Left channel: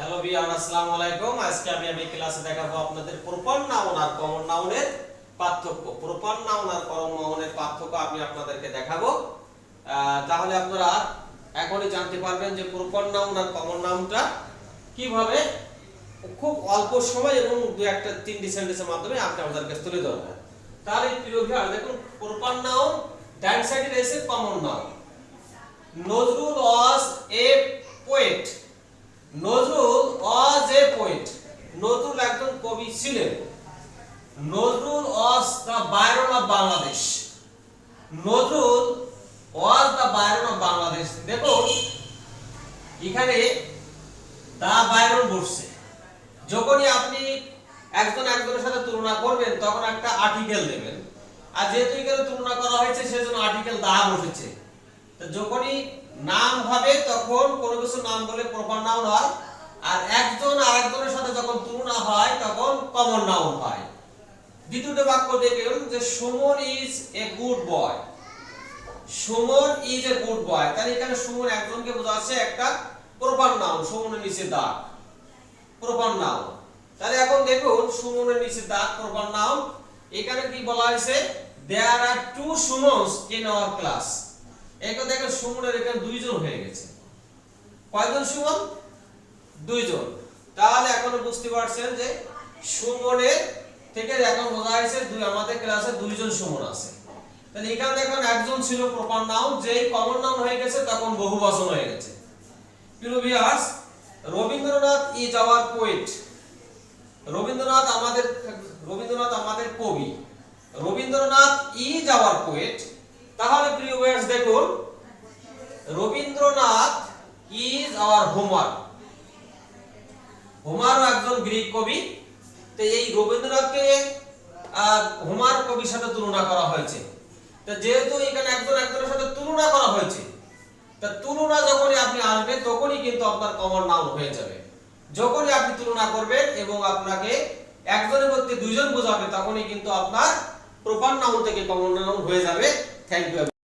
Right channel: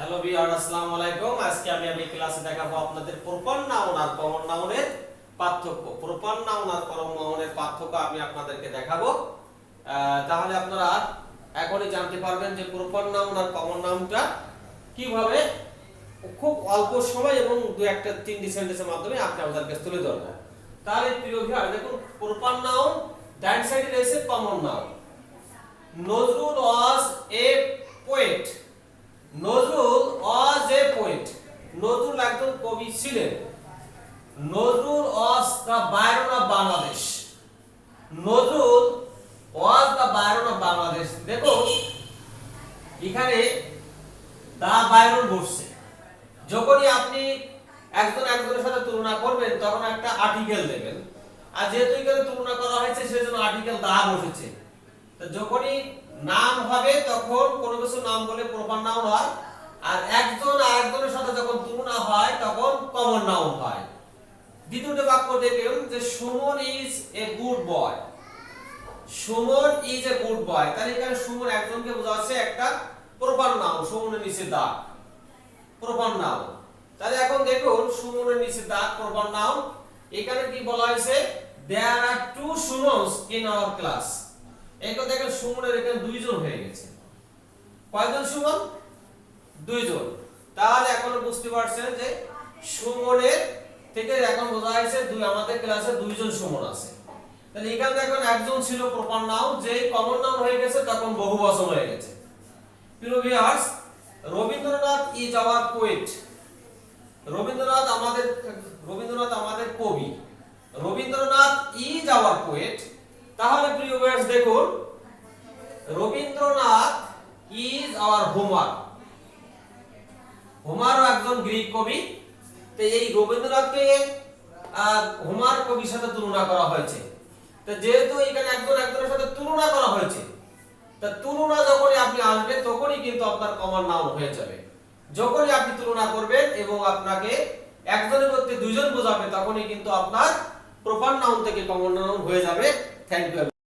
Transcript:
Hello viewer, আসসালামু আলাইকুম। আজকে আমি ক্লাসে দেখাবো আপনাদের প্রপার নাউন আর কমন নাউনের পার্থক্য। প্রপার নাউন আর কমন নাউনের পার্থক্য আমি আপনাদেরকে দেখাবো। তাহলে আপনারা এখনই জানতে পারবেন যে প্রপার নাউন আর কমন নাউনটা কিভাবে খুব অল্প সময় এবং দুই একটা তিনটি সেন্টেন্সের মাধ্যমে আপনি আমাদের কাছে তুলে ধরবেন। তাহলে প্রিয় ভিউয়ার, দেখুন প্রপার নাউন ডান সাইডে রয়েছে common noun. Nazrul was a poet. Nazrul was a poet. Nazrul একজন কবি ছিলেন। Nazrul was the Byron of Bangladesh. Nazrul was the Byron of Bangladesh. দেখুন এখানে দা বায়রন বসছে। যখনই আপনি একজনের সাথে তুলনা করবেন তখন একটা আর্টিকেল দেবেন, আর যেহেতু এখানে তুলনা করা হয়েছে সেজন্য আর্টিকেল দা বসেছে। তো যখনই নাম হবে তখন কোনো কিছু নাম বলে প্রপার নাউন হয়, আর একজন আরেকজনের সাথে যখন তুলনা হয় তখন কমন নাউন হয়। দ্বিতীয়টা বাক্য দেখুন যে Suman is a good boy. Suman is a good boy, তাহলে এখানে সুমন একজনকে বোঝাচ্ছে, একটা প্রপার নাউন। সুমনের নিচে দাগ, প্রপার নাউন। তাহলে এখন দেখুন সুমনের নিচে দাগ, প্রপার নাউন। এখানে কি বলা হয়েছে? There are two Sumons in our class. এখন দেখেন সুমনের এখানে দুইজন হয়ে গেছে। কয়জন সুমন? দুইজন। তাহলে এখন বুঝতে পারছেন যে সুমনের থেকে এখন বোঝা যাচ্ছে আমাদের ক্লাসে দুইজন সুমন আছে। তাহলে এখানে দেখেন একজন ছিল প্রপার নাউন, যেই কমন নাউন হয়ে গেছে তখন বহুবচন হয়ে গেছে। প্রিয় viewers, Rabindranath is our poet. Rabindranath আমাদের কবি। Rabindranath is our poet. তাহলে প্রিয় ভিউয়ার্স দেখুন, রবীন্দ্রনাথ ইজ আওয়ার হোমার। হোমারও একজন গ্রিক কবি। তো এই রবীন্দ্রনাথকে হোমার কবির সাথে তুলনা করা হয়েছে। তো যেহেতু এখানে একজনের সাথে তুলনা করা হয়েছে, তা তুলনা যখনই আপনি আসবে তখনই কিন্তু আপনার কমন নাউন হয়ে যাবে। যখনই আপনি তুলনা করবেন এবং আপনাকে একজনের মধ্যে দুইজন বোঝাবে তখনই কিন্তু আপনার প্রপার নাউন থেকে কমন নাউন হয়ে যাবে। Thank you.